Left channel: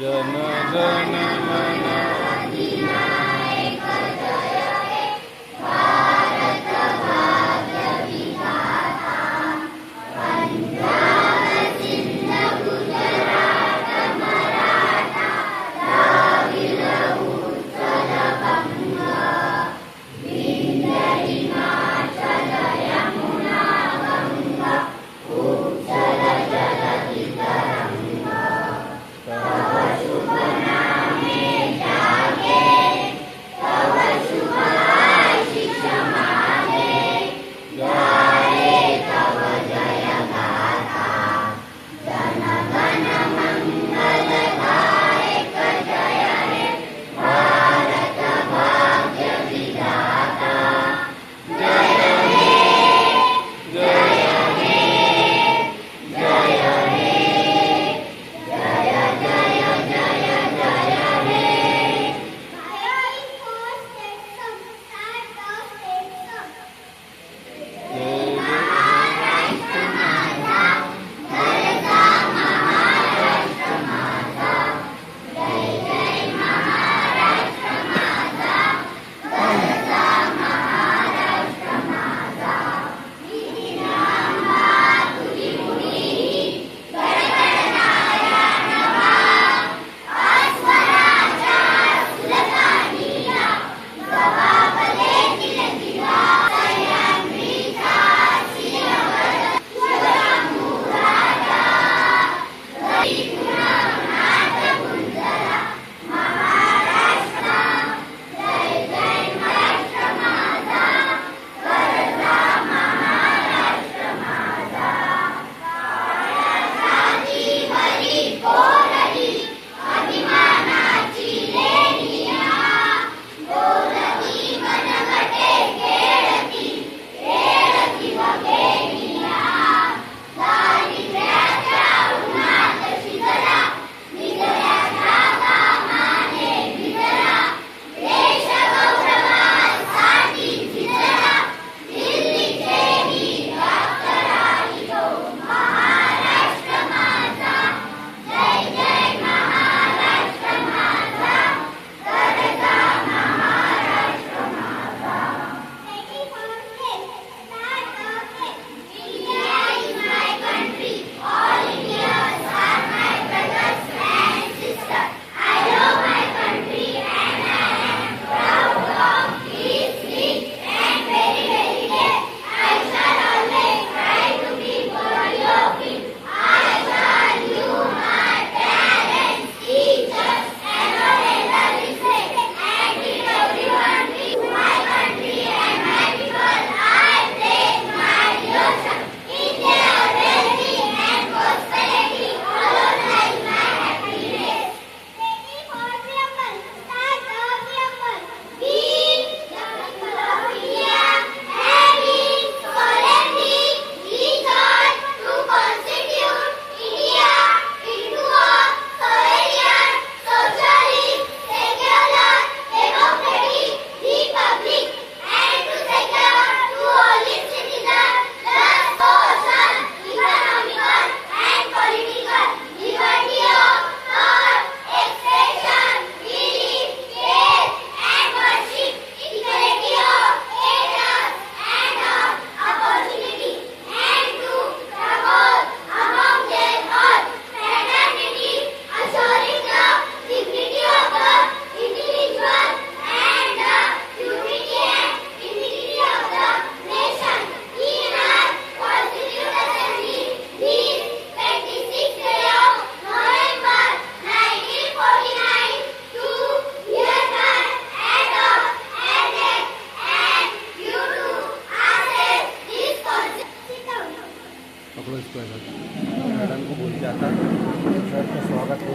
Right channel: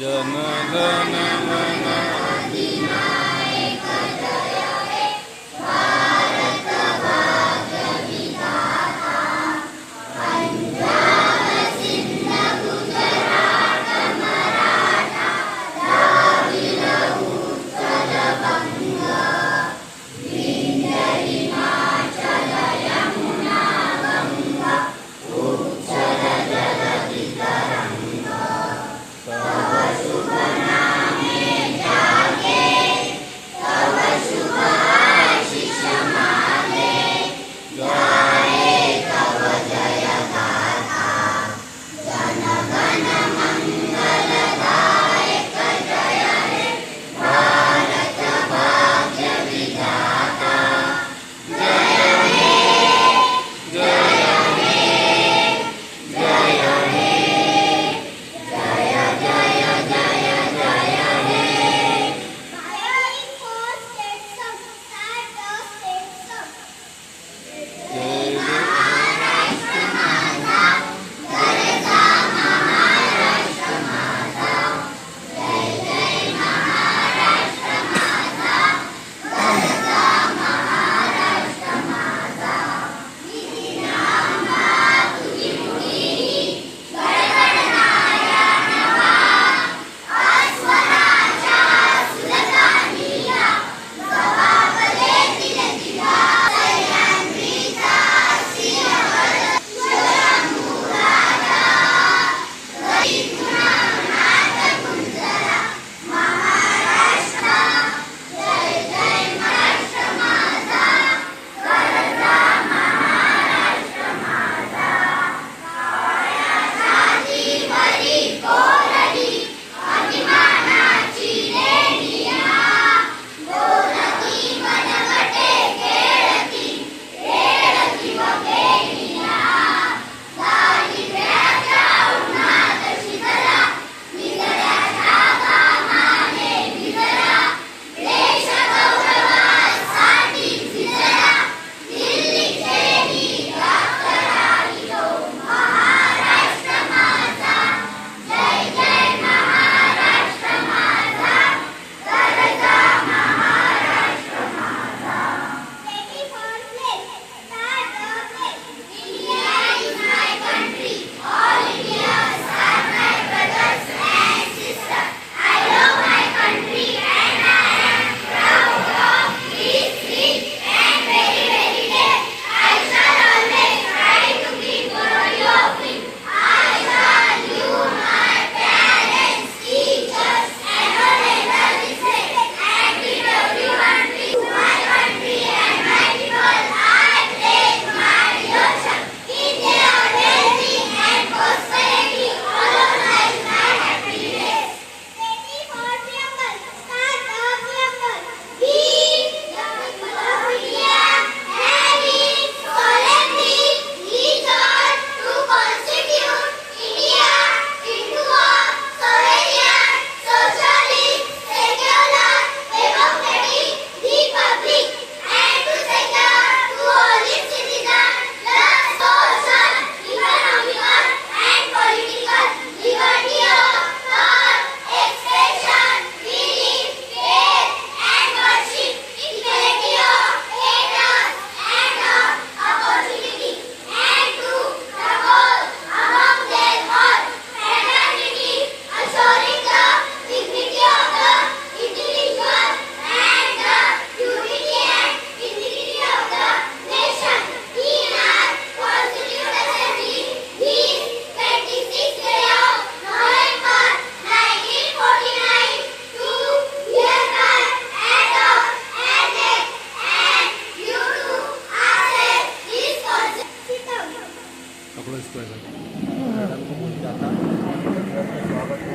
जन गण मन अधिनायक जय हे भारत भाग्य विधाता पंजाब सिंध गुजरात मराठा द्राविड उत्कल बंग विंध्य हिमाचल यमुना गंगा उच्चल जलधि तरंगा तव शुभ नामे जागे तव शुभ आशीष मागे गाये तव जय गाथा जन गण मंगल दायक जय हे भारत भाग्य विधाता जय हे जय हे जय हे जय जय जय जय हे Violin for state song. Start the state song. जय जय महाराष्ट्र माझा जय महाराष्ट्र माझा जय जय महाराष्ट्र माझा गरजा महाराष्ट्र माझा विधिनामा तुझी मुनी गडगडणाऱ्या नवा अस्वराच्या सुलतानीला जबाबले दिल दिवा सह्याद्रीचा शिरवड शिवशंभूराजा नाथ गुंजरा महाराष्ट्र जय जय महाराष्ट्र माझा गरजा महाराष्ट्र माझा काळ्यासाठी वरी कोरडी अभिमानाची लेनिया बोलती मनगटे खेळती खेळती वगेनिया दारिद्र्याच्या उन्हात शिजला निजऱ्याच्या कामाने भिजला देश गौरवासाठी झिजला दिल्लीचे वीर डॉक्टरांनी तो महाराष्ट्र माझा जय जय महाराष्ट्र माझा गरजा महाराष्ट्र माझा India is my country. All Indians are my brothers and sisters. I love my country and I am proud of its rich and very very dear. I shall always try to be worthy of it. I shall do my parents, teachers, and all elders respect and treat everyone with my country and my people. I pledge my devotion. In their well-being and prosperity, all of life my happiness. Ready for preamble. Start the preamble. We, the people of India, having solemnly resolved to constitute India into a sovereign, socialist, secular, democratic republic, and to secure to all its citizens the social, economical, and political liberty of thought, expression, belief, faith, and worship, equality of status and of opportunity, and to promote among them all fraternity, assuring the dignity of the individual and the unity and dignity of the nation. In our Constituent Assembly, this 26th day of November 1949, to hereby adopt, annex, and due to access this Constitution. पकड़ो इसको ऐसा madam को बोल जाता स्वागत हो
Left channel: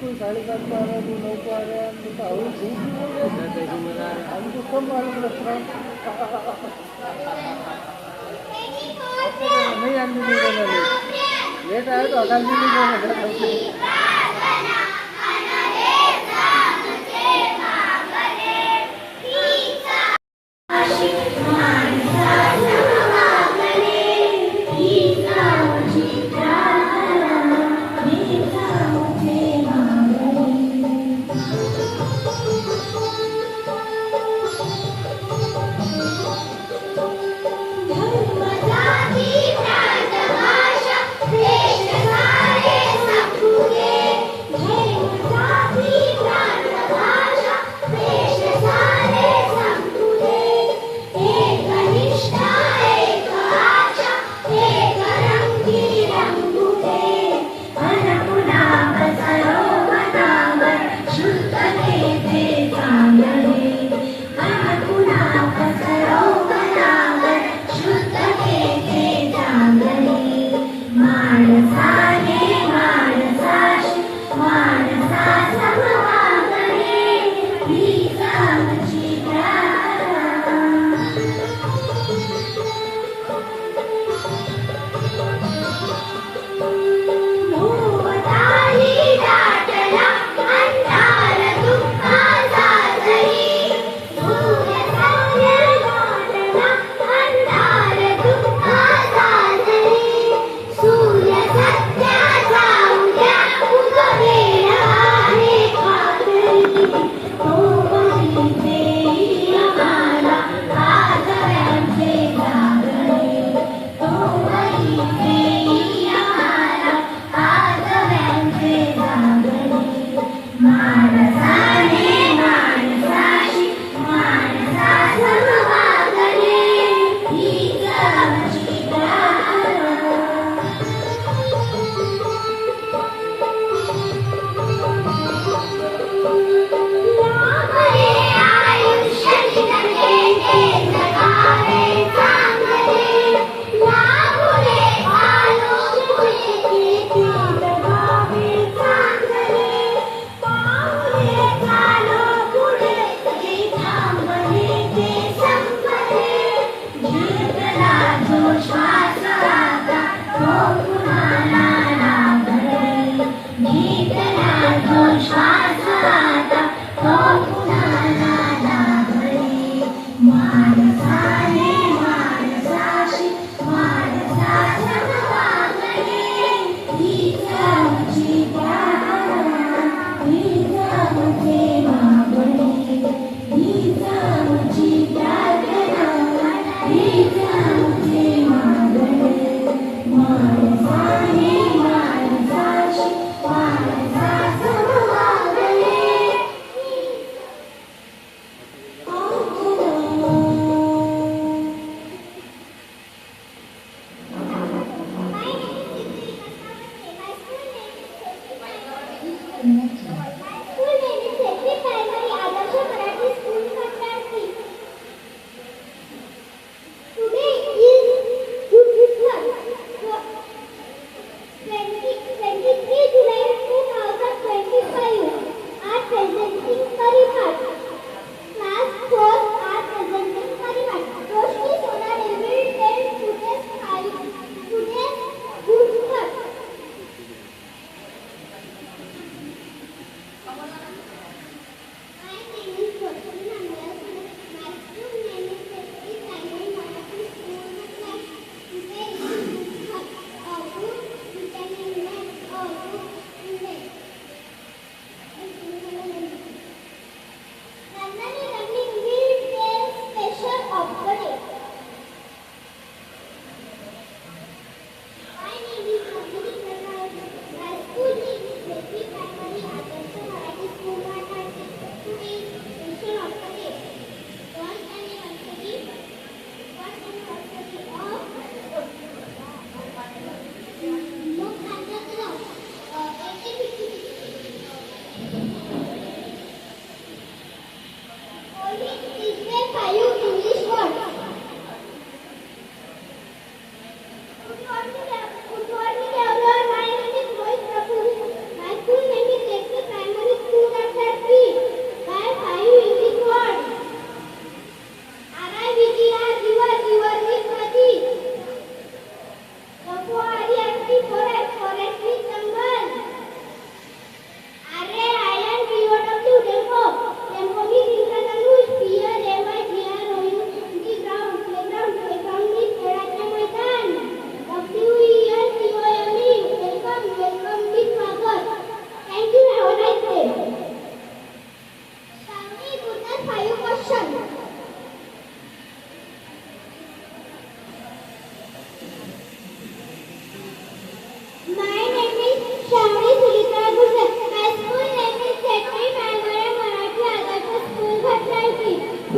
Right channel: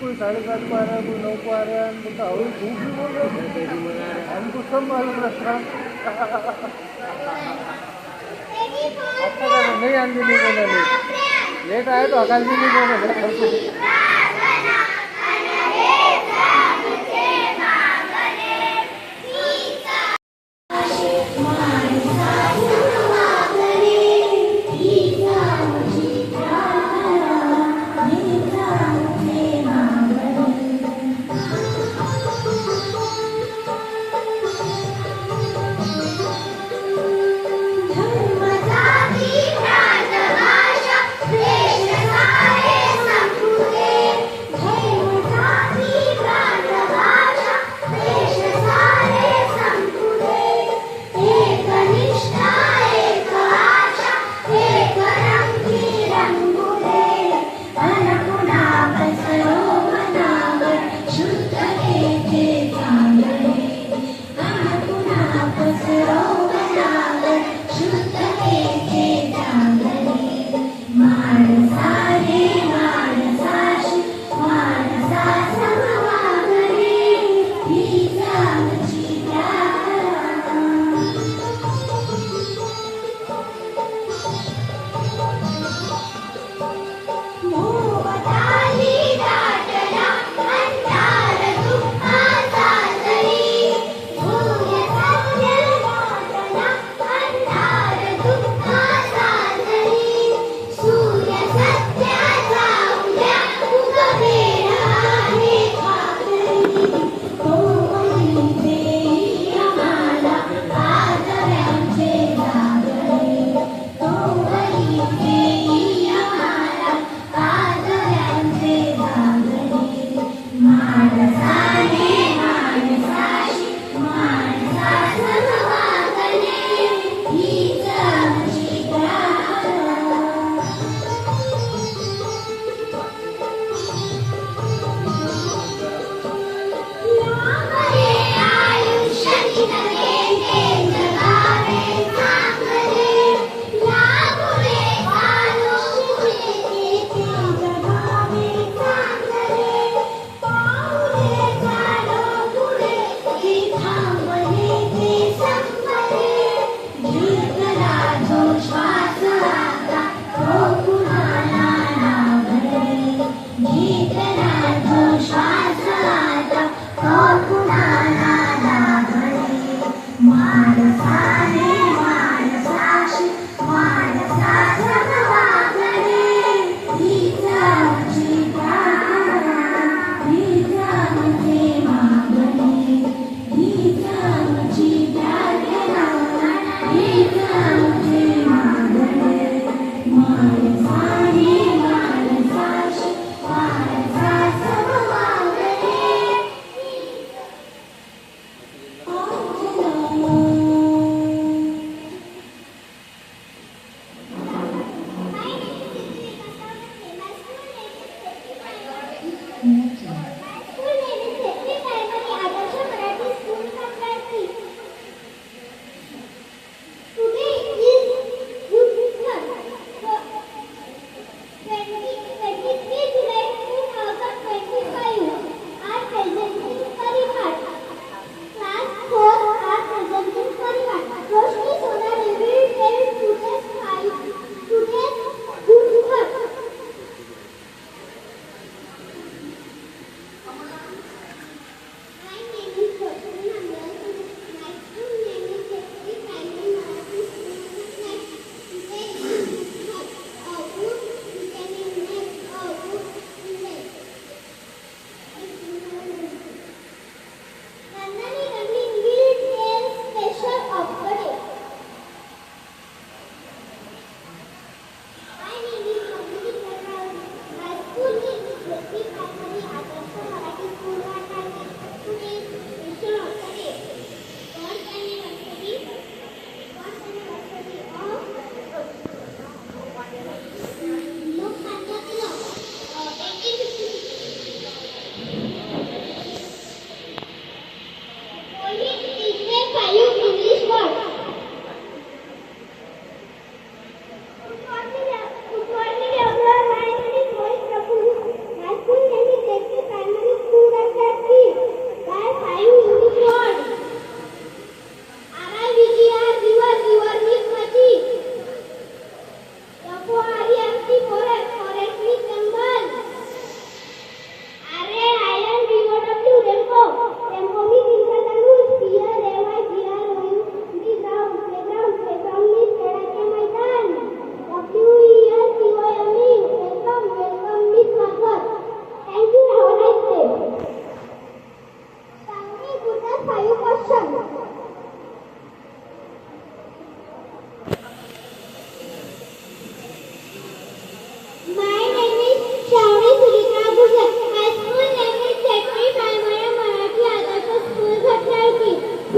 कोई 7:30 को आ रहा है, कोई 9 को आ रहा है, तो झूठ भी बोल रहे हैं, हमको सब मालूम रहता है। नहीं आदमी नहीं बोला लेट आए तो आकाश भी नहीं बोला।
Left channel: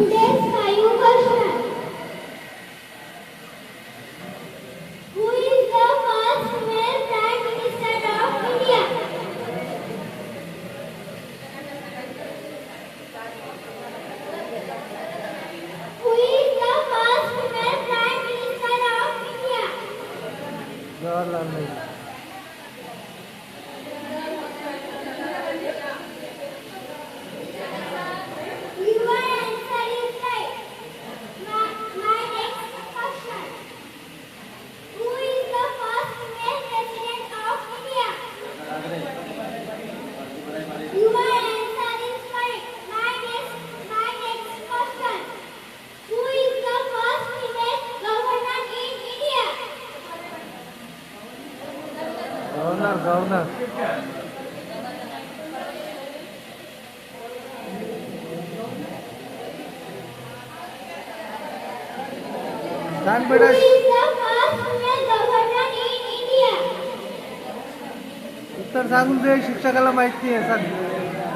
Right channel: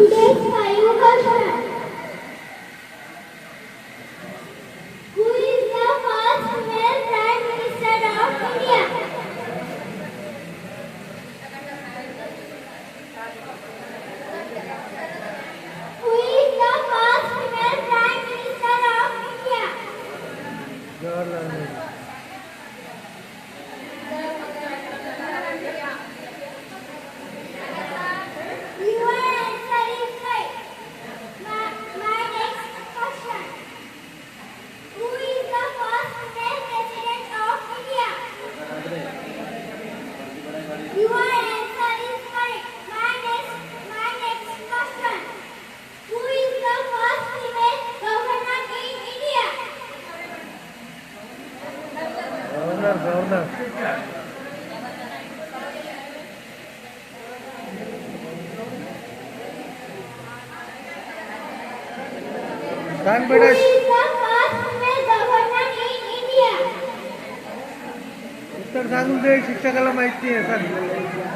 Today's five question. Who is the first female Prime Minister of India? Who is the first female Prime Minister of India? Jawaharlal Nehru. Your answer is right. My next question. Who is the first female president of India? Your answer is correct. My next question. Who is the first female governor in India? Governor. सांग Who बेटा. is the first female governor in India? उत्तर सांगून दे, शिक्षकाला माहिती आहे. सांग.